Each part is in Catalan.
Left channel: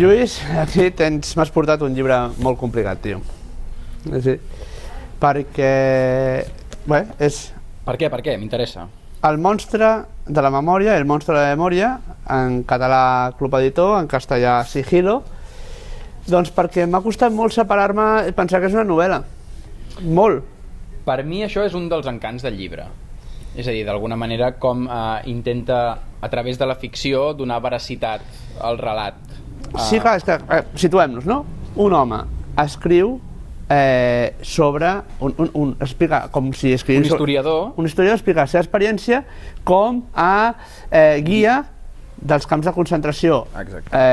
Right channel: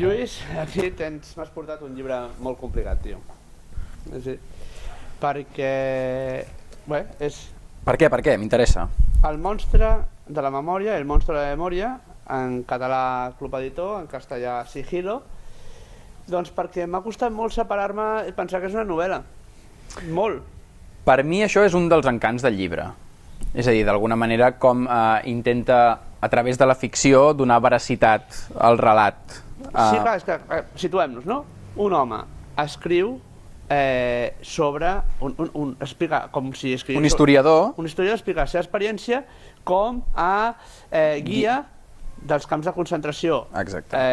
Lluís, aquí m'has portat un llibre molt complicat, tio. Sí, perquè... Bé, és... Per què? Per què? M'interessa. El monstre de la memòria, el monstre de la memòria, en català Club Editor, en castellà Sigilo, doncs perquè m'ha costat molt separar-me i pensar que és una novel·la. Molt. Per mi això és un dels encants del llibre. És a dir, d'alguna manera com intenta, a través de la ficció, donar veracitat al relat. Sí, clar, és que situem-nos, no? Un home escriu sobre... explica com si escrivís... Un historiador. Un historiador explica la seva experiència com a guia dels camps de concentració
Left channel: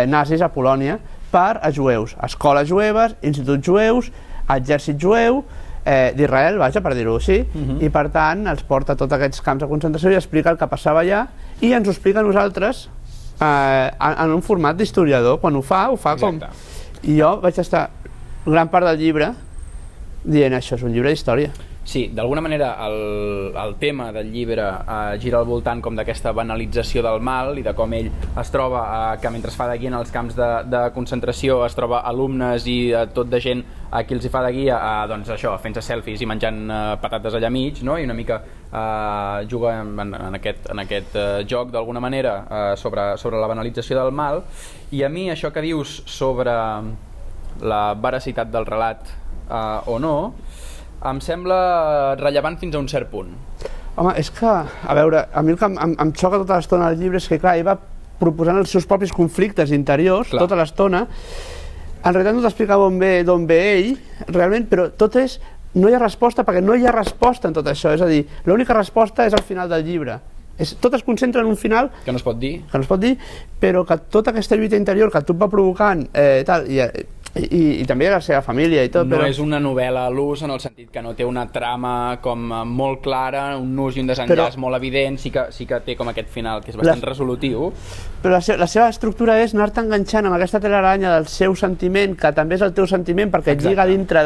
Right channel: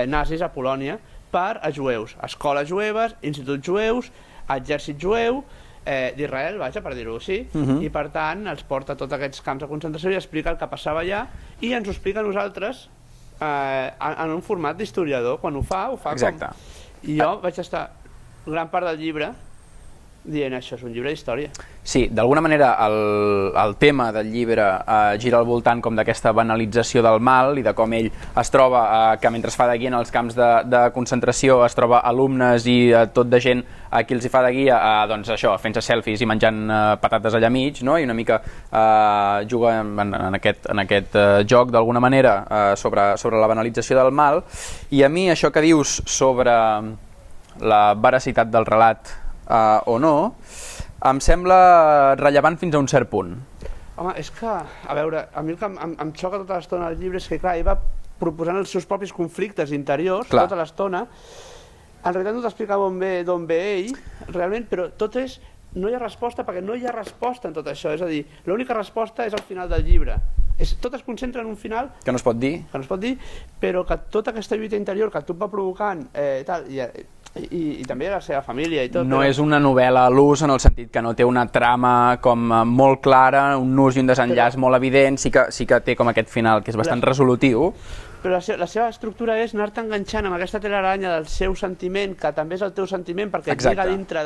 nazis a Polònia per a jueus. Escoles jueves, instituts jueus, exèrcit jueu, d'Israel, vaja, per dir-ho així, i per tant els porta a tots aquests camps de concentració i explica el que passava allà i ens ho explica a nosaltres en un format d'historiador. Quan ho fa com... I jo vaig estar gran part del llibre dient això és un llibre d'història. Sí, d'alguna manera el tema del llibre gira al voltant com d'aquesta banalització del mal i de com ell es troba que mentre fa de guia en els camps de concentració es troba alumnes i tot de gent a qui els hi fa de guia doncs això, fent-se selfies i menjant patates allà mig, no? I una mica juga en aquest joc d'alguna manera sobre la banalització del mal. I a mi això que dius sobre la veracitat del relat o no em sembla rellevant fins a un cert punt. Home, és que, a veure, a mi el que em xoca tota l'estona del llibre és que, clar, ell va proposant els seus propis conflictes interiors tota l'estona. En realitat no t'explica d'on ve ell, realment, però tot és... No hi ha resposta, perquè no hi ha resposta en tot això. És a dir, l'única resposta és al final del llibre. Tot es concentra en un final... Que no es pot dir. Que no es pot dir, però que tota aquesta lluita interior que tu et va provocant, i també la seva família i tot... No és una novel·la a l'ús en el sentit que no té una trama com molt clara, un nus i un desenllaç molt evident, sí que té com aquest final que és bastant resolutiu. Però la seva estructura és anar-te enganxant amb aquesta telaranya del seu sentiment, que també és el teu sentiment, perquè et lliga dintre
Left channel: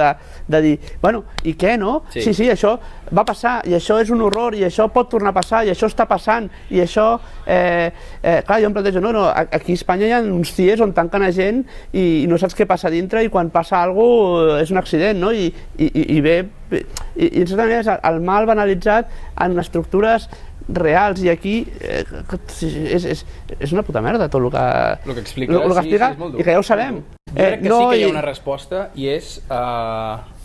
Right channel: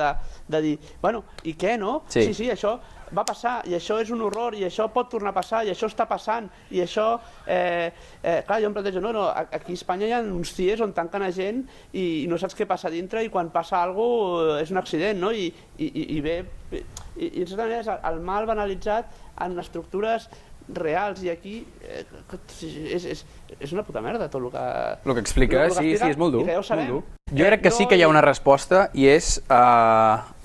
de dir, bueno, i què, no? Sí, això va passar, i això és un horror, i això pot tornar a passar, i això està passant, i això... Clar, jo em plantejo, no, aquí a Espanya hi ha uns CIEs on tanquen a gent i no saps què passa dintre, i quan passa alguna cosa és un accident, no? I ve... I en certa manera és el mal banalitzat en estructures reals, i aquí és una puta merda tot el que explica, sí, és molt dur. I que ja ho sabem. Jo crec que sí que hi ha una resposta i és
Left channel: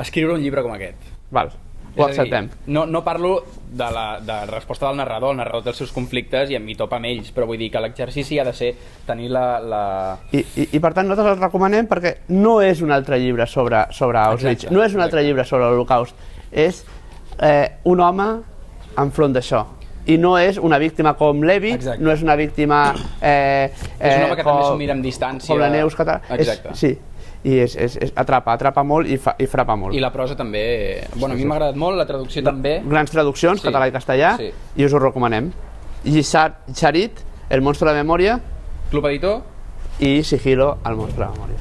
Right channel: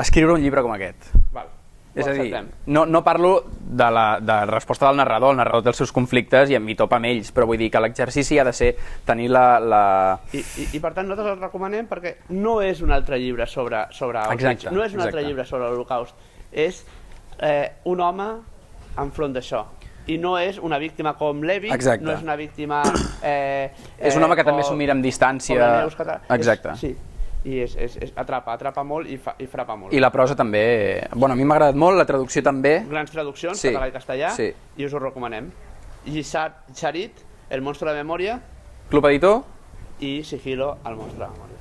escriure un llibre com aquest. Val, ho acceptem. No parlo de la resposta del narrador, el narrador té els seus conflictes i em topa amb ells, però vull dir que l'exercici ha de ser tenir la... I per tant nosaltres el recomanem perquè no és un altre llibre sobre Auschwitz, no és un altre llibre sobre l'Holocaust, és un home enfront d'això. I no és una víctima com Levy, no és una víctima... És un home que també s'ho mira amb distància. Com la Neus Català. Exacte. Sí, i atrapa molt i frapa molt. I la prosa també... Bueno, a mi m'ha agradat molt, la traducció també. Grans traduccions, català i castellà, i us ho recomanem. Charit, El monstre de la memòria. Club Editor. I Sigilo, El monstre de la memòria.